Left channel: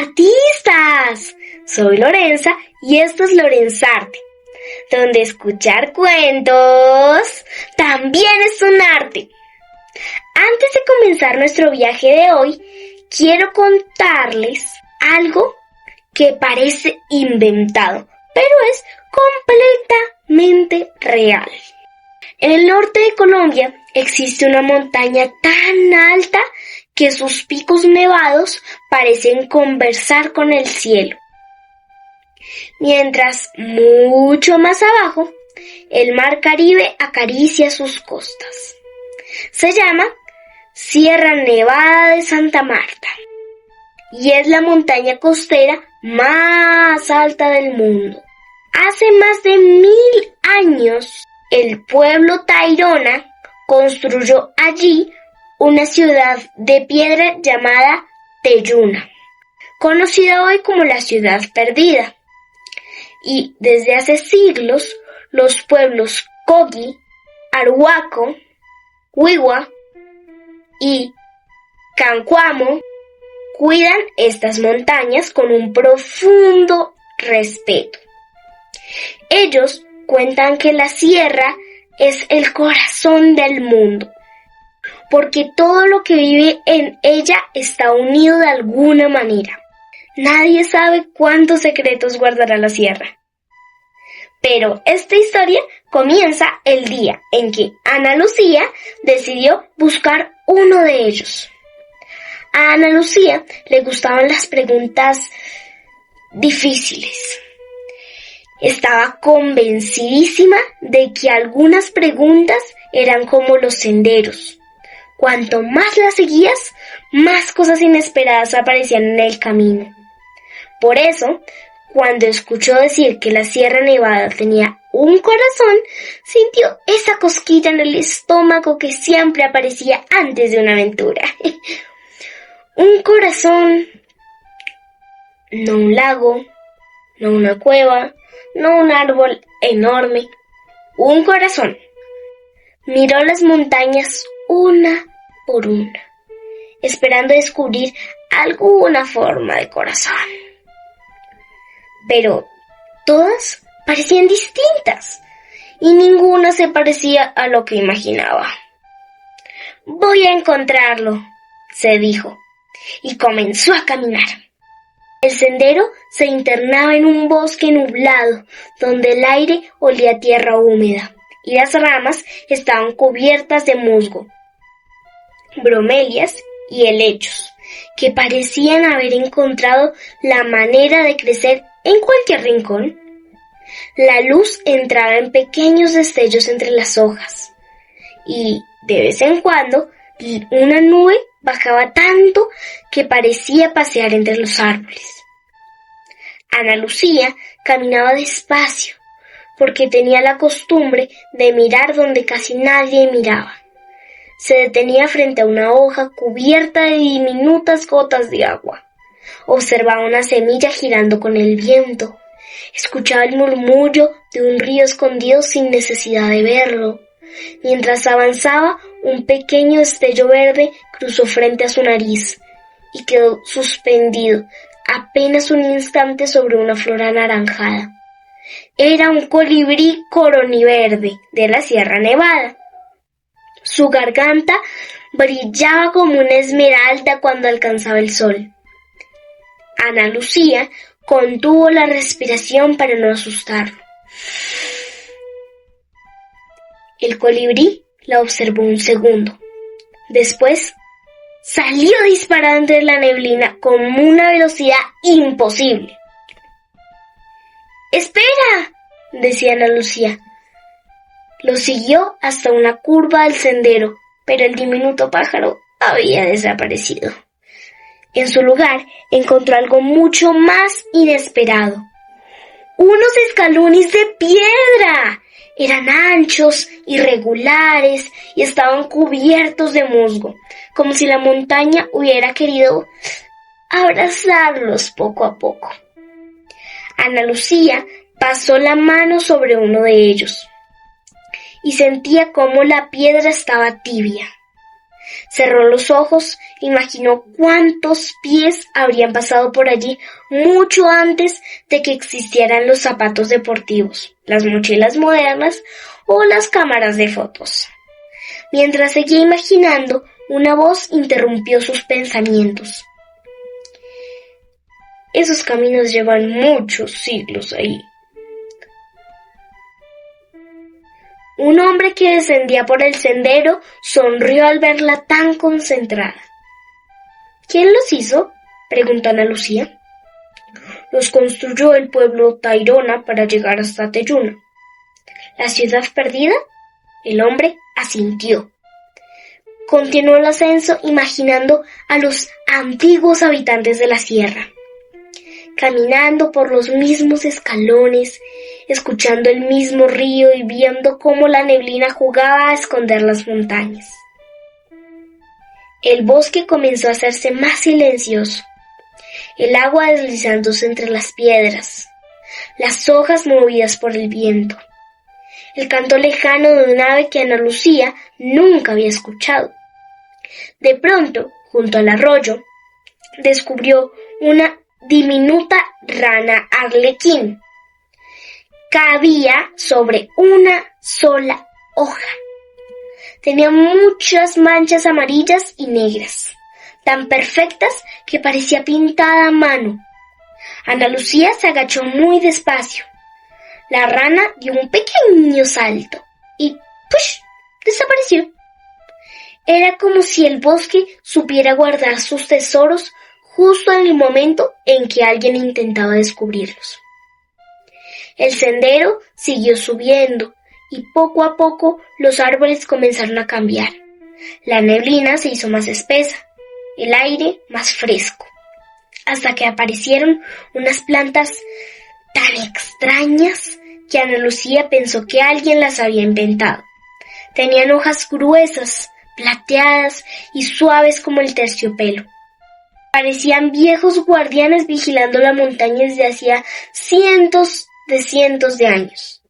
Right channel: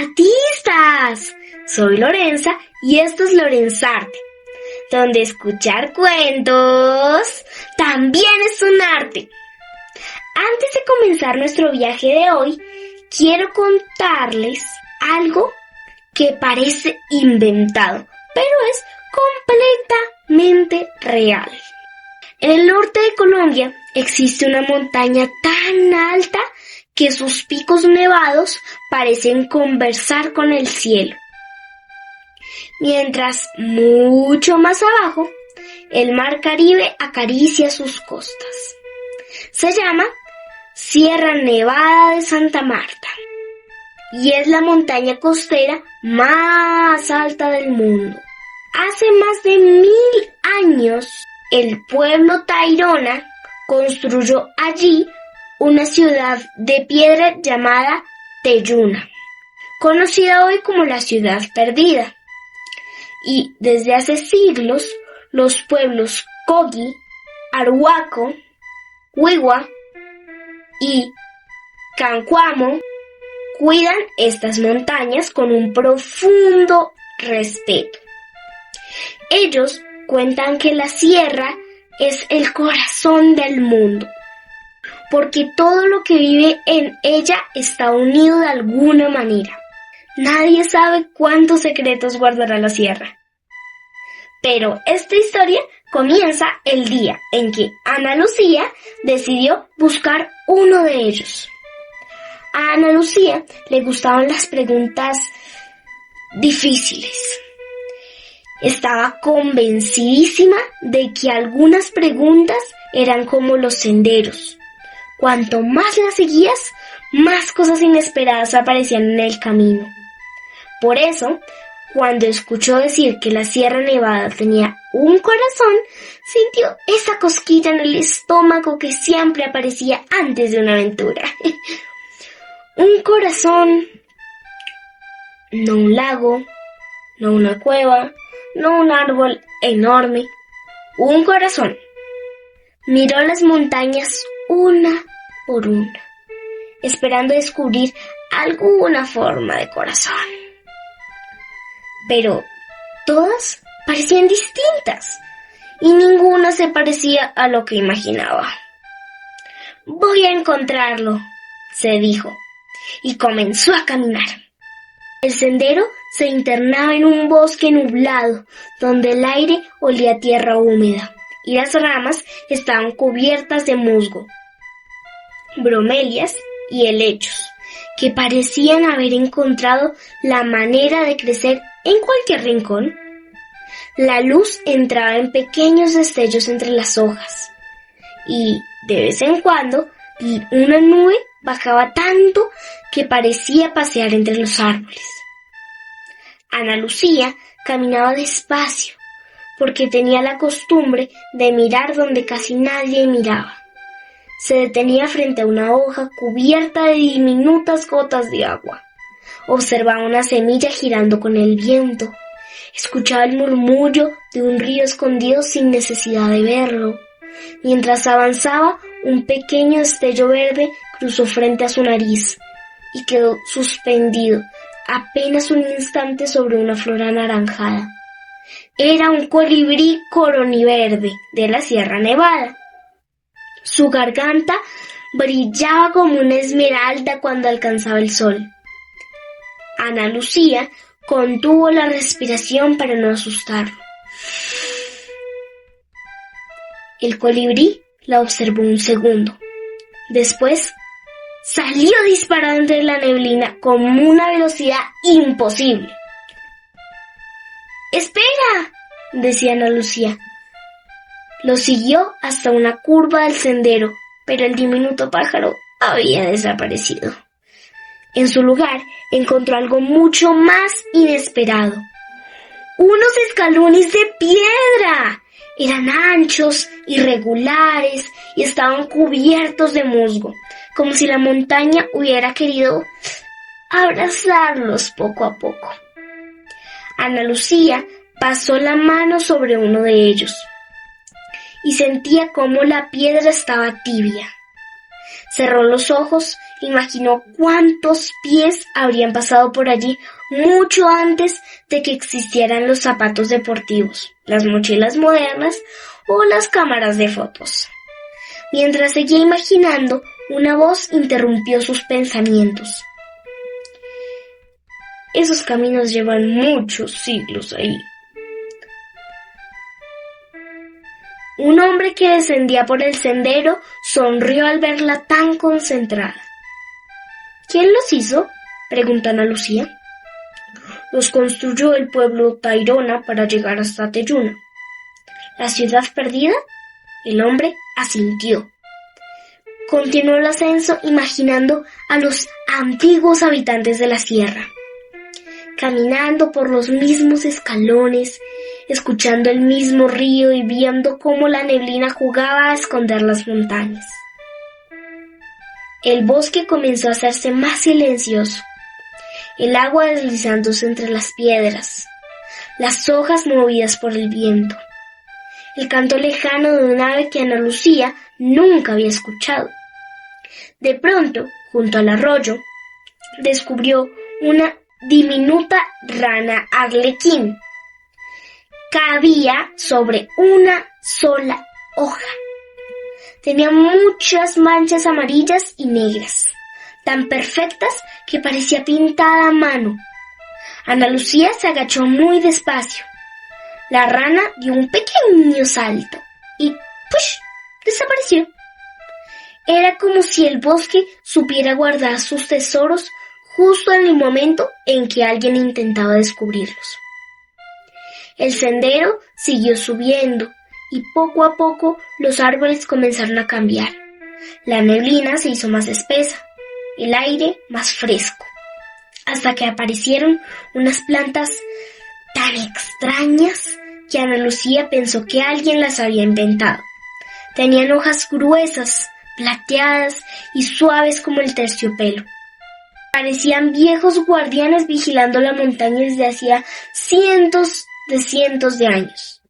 artistas! Soy Lorenza y esto es Lorenzarte, donde escuchar cuentos también es un arte. Antes de comenzar nuestro viaje de hoy, quiero contarles algo que parece inventado, pero es completamente real. En el norte de Colombia existe una montaña tan alta que sus picos nevados parecen conversar con el cielo. Mientras mucho más abajo, el mar Caribe acaricia sus costas. Se llama Sierra Nevada de Santa Marta y es la montaña costera más alta del mundo. Hace más de 1000 años, el pueblo Tairona construyó allí una ciudad de piedra llamada Teyuna, conocida hoy como la Ciudad Perdida. Y desde hace siglos, los pueblos Coqui, Arhuaco, Huigua y Cancuamo cuidan estas montañas con un profundo respeto. Ellos cuentan que la sierra es el corazón del mundo, porque todo lo que vive en ella está unido de alguna manera. Nadie sabe cuántos secretos guardará la sierra. Pero esta historia comienza el día en que Ana Lucía decidió buscar uno de ellos. A Ana Lucía le gustaban las preguntas difíciles. Estaba convencidísima de que algunas preguntas eran como los senderos. Cuanto más las seguías, más cosas inesperadas aparecían en el camino. Por eso, cuando escuchó decir que la Sierra Nevada tenía un corazón, sintió esa cosquilla en el estómago que siempre aparecía antes de una aventura. Un corazón, no un lago, no una cueva, no un árbol enorme, un corazón. Miró las montañas una por una, esperando descubrir alguna forma de corazón. Pero todas parecían distintas y ninguna se parecía a lo que imaginaba. Voy a encontrarlo, se dijo, y comenzó a caminar. El sendero se internaba en un bosque nublado, donde el aire olía a tierra húmeda y las ramas estaban cubiertas de musgo, bromelias y helechos, que parecían haber encontrado la manera de crecer en cualquier rincón. La luz entraba en pequeños destellos entre las hojas y, de vez en cuando, una nube bajaba tanto que parecía pasear entre los árboles. Ana Lucía caminaba despacio porque tenía la costumbre de mirar donde casi nadie miraba. Se detenía frente a una hoja cubierta de diminutas gotas de agua. Observaba una semilla girando con el viento. Escuchaba el murmullo de un río escondido sin necesidad de verlo. Mientras avanzaba, un pequeño destello verde cruzó frente a su nariz y quedó suspendido apenas un instante sobre una flor anaranjada. Era un colibrí coroniverde de la Sierra Nevada. Su garganta brillaba como una esmeralda cuando alcanzaba el sol. Ana Lucía contuvo la respiración para no asustarlo. El colibrí la observó un segundo. Después salió disparando en la neblina con una velocidad imposible. ¡Espera!, decía Ana Lucía. Lo siguió hasta una curva del sendero, pero el diminuto pájaro había desaparecido. En su lugar encontró algo mucho más inesperado. ¡Unos escalones de piedra! Eran anchos, irregulares y estaban cubiertos de musgo, como si la montaña hubiera querido abrazarlos poco a poco. Ana Lucía pasó la mano sobre uno de ellos y sentía cómo la piedra estaba tibia. Cerró los ojos, imaginó cuántos pies habrían pasado por allí mucho antes de que existieran los zapatos deportivos, las mochilas modernas o las cámaras de fotos. Mientras seguía imaginando, una voz interrumpió sus pensamientos. Esos caminos llevan muchos siglos ahí. Un hombre que descendía por el sendero sonrió al verla tan concentrada. ¿Quién los hizo?, preguntó Ana Lucía. Los construyó el pueblo Tayrona para llegar hasta Teyuna. ¿La ciudad perdida? El hombre asintió. Continuó el ascenso imaginando a los antiguos habitantes de la sierra, caminando por los mismos escalones, escuchando el mismo río y viendo cómo la neblina jugaba a esconder las montañas. El bosque comenzó a hacerse más silencioso, el agua deslizándose entre las piedras, las hojas movidas por el viento, el canto lejano de un ave que Ana Lucía nunca había escuchado. De pronto, junto al arroyo, descubrió una diminuta rana arlequín. Cabía sobre una sola hoja. Tenía muchas manchas amarillas y negras, tan perfectas que parecía pintada a mano. Ana Lucía se agachó muy despacio. La rana dio un pequeño salto y ¡push!, desapareció. Era como si el bosque supiera guardar sus tesoros justo en el momento en que alguien intentaba descubrirlos. El sendero siguió subiendo y poco a poco los árboles comenzaron a cambiar. La neblina se hizo más espesa, el aire más fresco, hasta que aparecieron unas plantas tan extrañas que Ana Lucía pensó que alguien las había inventado. Tenían hojas gruesas, plateadas y suaves como el terciopelo. Parecían viejos guardianes vigilando la montaña desde hacía cientos de años.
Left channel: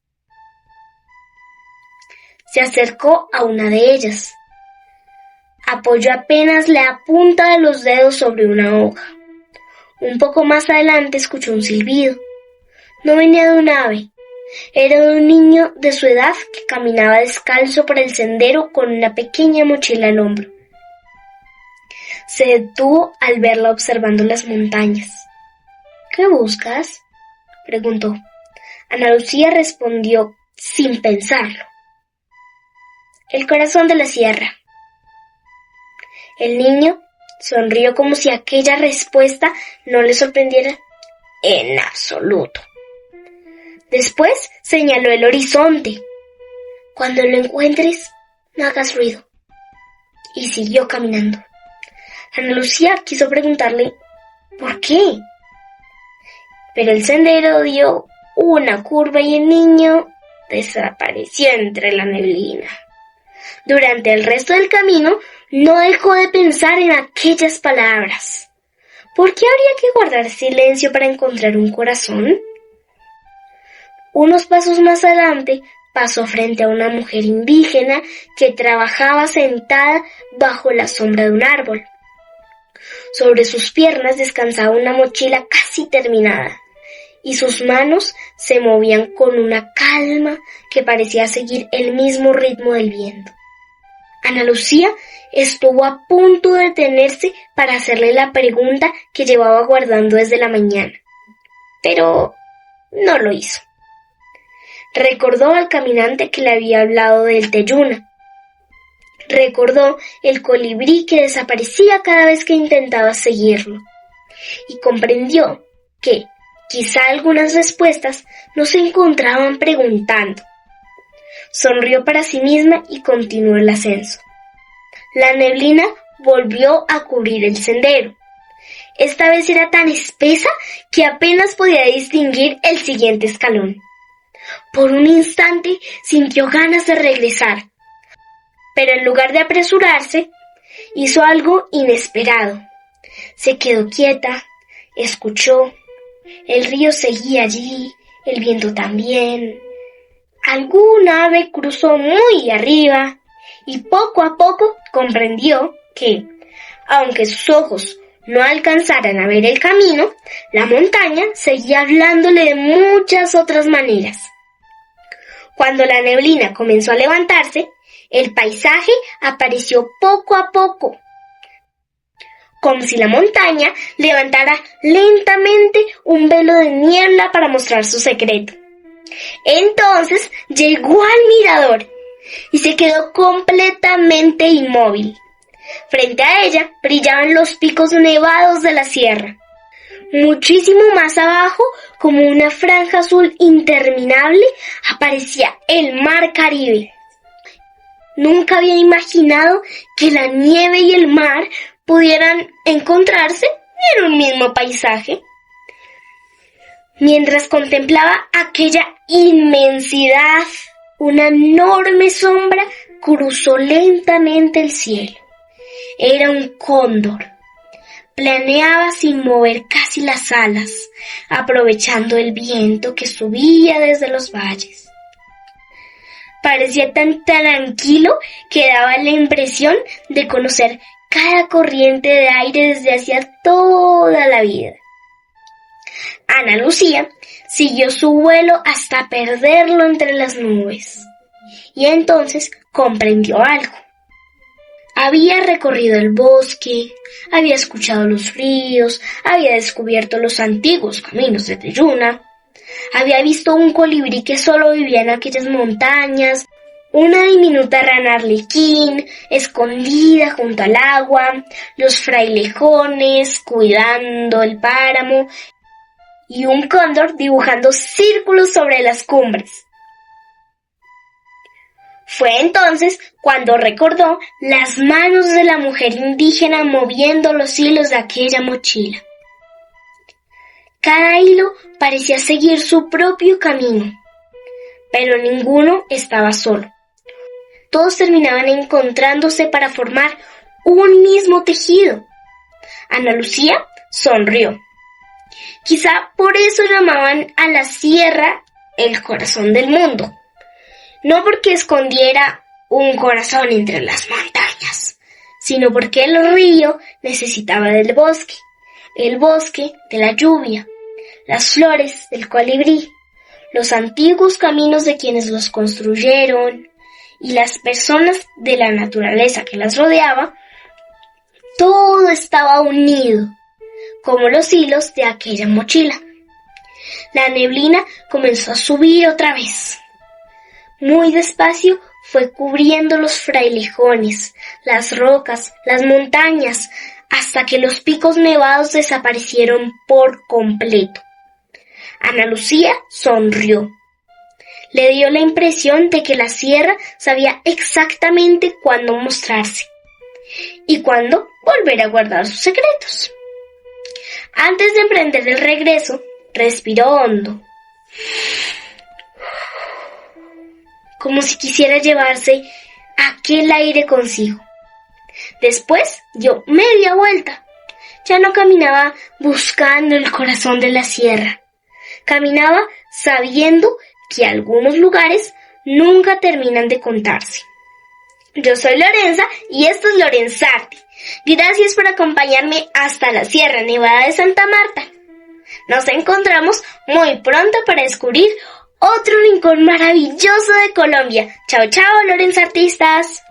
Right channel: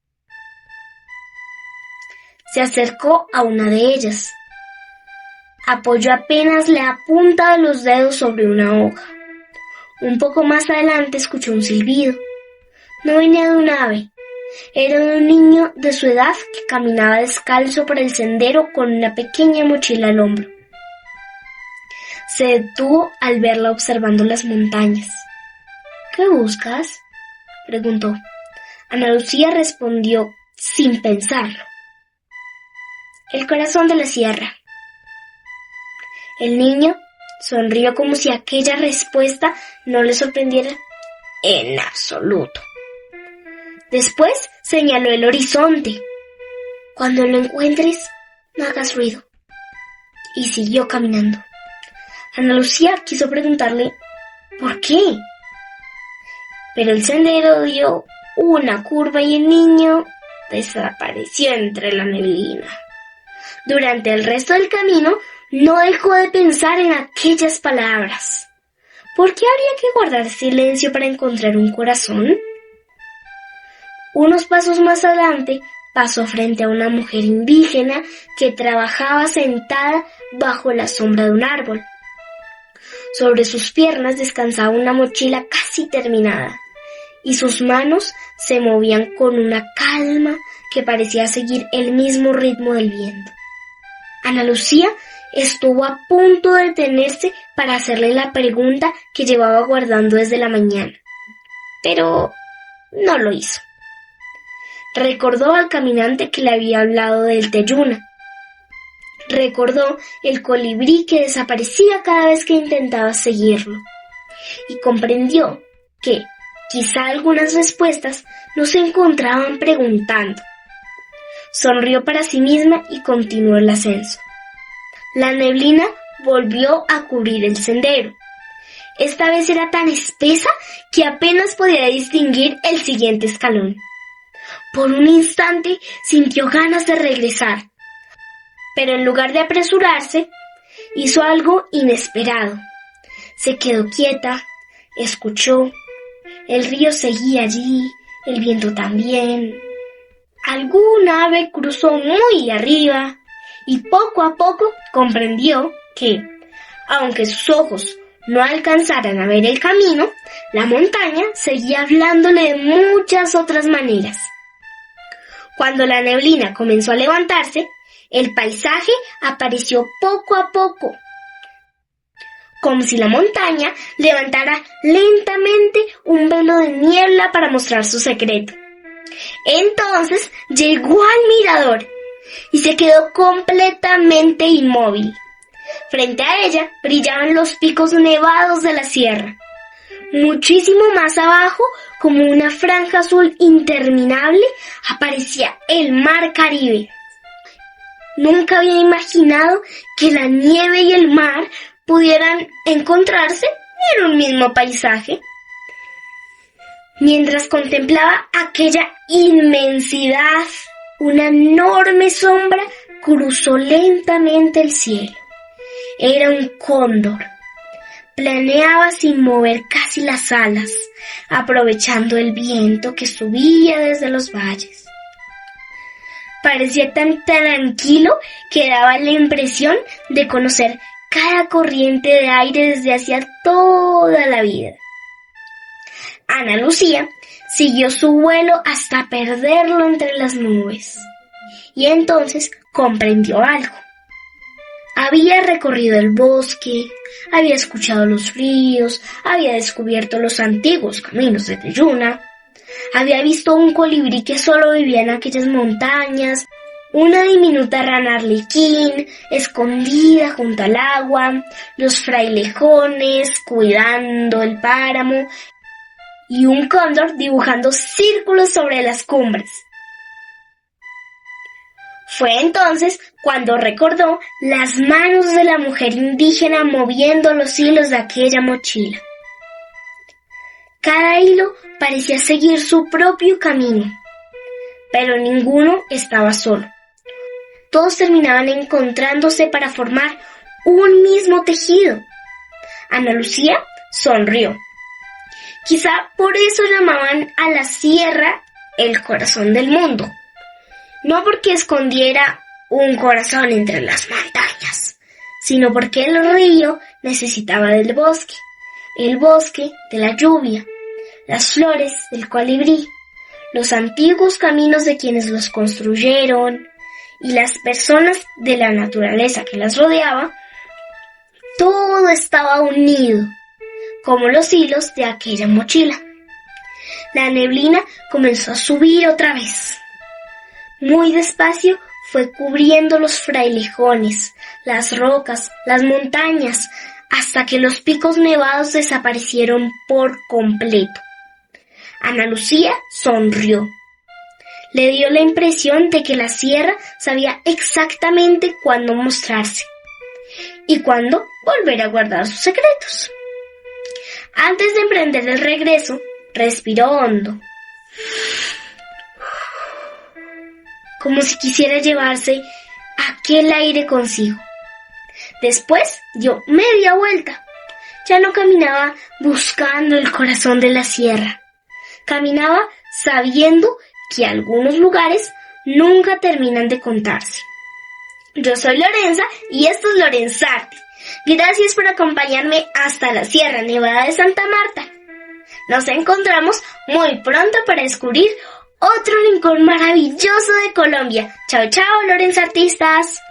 Se acercó a una de ellas. Apoyó apenas la punta de los dedos sobre una hoja. Un poco más adelante escuchó un silbido. No venía de un ave. Era de un niño de su edad que caminaba descalzo por el sendero con una pequeña mochila al hombro. Se detuvo al verla observando las montañas. ¿Qué buscas?, preguntó. Ana Lucía respondió sin pensarlo. El corazón de la sierra. El niño sonrió como si aquella respuesta no le sorprendiera en absoluto. Después señaló el horizonte. Cuando lo encuentres, no hagas ruido. Y siguió caminando. Ana Lucía quiso preguntarle ¿por qué? Pero el sendero dio una curva y el niño desapareció entre la neblina. Durante el resto del camino no dejó de pensar en aquellas palabras. ¿Por qué habría que guardar silencio para encontrar un corazón? Unos pasos más adelante pasó frente a una mujer indígena que trabajaba sentada bajo la sombra de un árbol. Sobre sus piernas descansaba una mochila casi terminada, y sus manos se movían con una calma que parecía seguir el mismo ritmo del viento. Ana Lucía estuvo a punto de detenerse para hacerle la pregunta que llevaba guardando desde la mañana, pero no lo hizo. Recordó al caminante que le había hablado del Teyuna. Recordó el colibrí que desaparecía cada vez que intentaba seguirlo. Y comprendió que quizá algunas respuestas no se encontraban preguntando. Sonrió para sí misma y continuó el ascenso. La neblina volvió a cubrir el sendero. Esta vez era tan espesa que apenas podía distinguir el siguiente escalón. Por un instante sintió ganas de regresar, pero en lugar de apresurarse, hizo algo inesperado. Se quedó quieta, escuchó. El río seguía allí, el viento también. Algún ave cruzó muy arriba y poco a poco comprendió que, aunque sus ojos no alcanzaran a ver el camino, la montaña seguía hablándole de muchas otras maneras. Cuando la neblina comenzó a levantarse, el paisaje apareció poco a poco, como si la montaña levantara lentamente un velo de niebla para mostrar su secreto. Entonces llegó al mirador y se quedó completamente inmóvil. Frente a ella brillaban los picos nevados de la sierra. Muchísimo más abajo, como una franja azul interminable, aparecía el mar Caribe. Nunca había imaginado que la nieve y el mar pudieran encontrarse en un mismo paisaje. Mientras contemplaba aquella inmensidad, una enorme sombra cruzó lentamente el cielo. Era un cóndor. Planeaba sin mover casi las alas, aprovechando el viento que subía desde los valles. Parecía tan tranquilo que daba la impresión de conocer cada corriente de aire desde hacía toda la vida. Ana Lucía siguió su vuelo hasta perderlo entre las nubes, y entonces comprendió algo. Había recorrido el bosque, había escuchado los ríos, había descubierto los antiguos caminos de Teyuna, había visto un colibrí que solo vivía en aquellas montañas, una diminuta rana arlequín escondida junto al agua, los frailejones cuidando el páramo y un cóndor dibujando círculos sobre las cumbres. Fue entonces cuando recordó las manos de la mujer indígena moviendo los hilos de aquella mochila. Cada hilo parecía seguir su propio camino, pero ninguno estaba solo. Todos terminaban encontrándose para formar un mismo tejido. Ana Lucía sonrió. Quizá por eso llamaban a la sierra el corazón del mundo. No porque escondiera un corazón entre las montañas, sino porque el río necesitaba del bosque, el bosque de la lluvia, las flores del colibrí, los antiguos caminos de quienes los construyeron y las personas de la naturaleza que las rodeaba. Todo estaba unido, como los hilos de aquella mochila. La neblina comenzó a subir otra vez. Muy despacio fue cubriendo los frailejones, las rocas, las montañas, hasta que los picos nevados desaparecieron por completo. Ana Lucía sonrió. Le dio la impresión de que la sierra sabía exactamente cuándo mostrarse y cuándo volver a guardar sus secretos. Antes de emprender el regreso, respiró hondo, como si quisiera llevarse aquel aire consigo. Después dio media vuelta. Ya no caminaba buscando el corazón de la sierra. Caminaba sabiendo que algunos lugares nunca terminan de contarse. Yo soy Lorenza y esto es Lorenzarte. Gracias por acompañarme hasta la Sierra Nevada de Santa Marta. Nos encontramos muy pronto para descubrir otro rincón maravilloso de Colombia. Chao, chao, Lorenzartistas.